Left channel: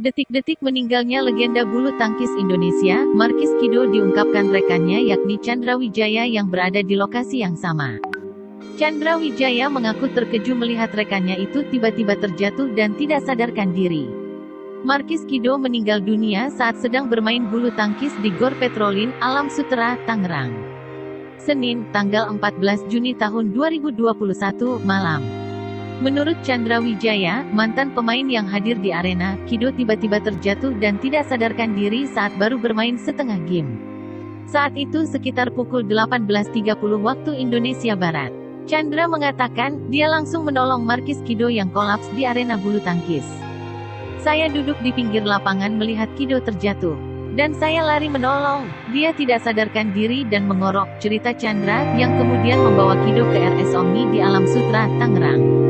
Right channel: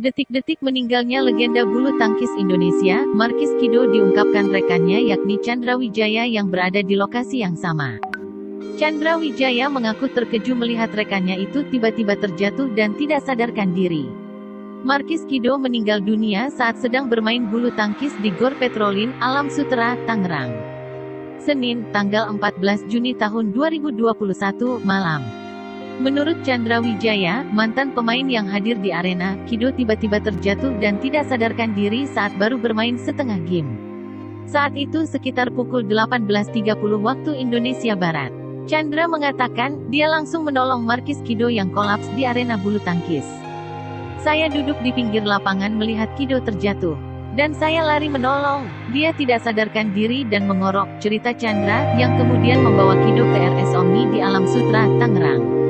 Detik-detik meninggalnya legenda bulu tangkis Indonesia, Markis Kido diungkapkan rekannya yakni Chandra Wijaya yang berada di lokasi yang sama. Chandra Wijaya mengaku terkejut melihat rekannya itu tiba-tiba terjatuh dan tidak sadarkan diri. Markis Kido meninggal dunia saat sedang bermain bulu tangkis di Gor Petrolin, Alam Sutera, Tangerang. Senin, tanggal 14 Juni tahun 2021, malam. Menurut Chandra Wijaya, mantan pemain yang hadir di arena, Kido tiba-tiba terjatuh dan tidak sadarkan diri saat baru bermain setengah game. Saat itu sekitar pukul 18.30 waktu Indonesia Barat. Chandra mengatakan, dia langsung menolong Markis Kido yang kolaps di arena bulu tangkis. Saya duduk di pinggir lapangan melihat Kido terjatuh. Dan saya lari menolong. Dia tidak sadarkan diri dan mengorok, cerita Chandra, yang kemudian membawa Kido ke RS Omni di Alam Sutra, Tangerang.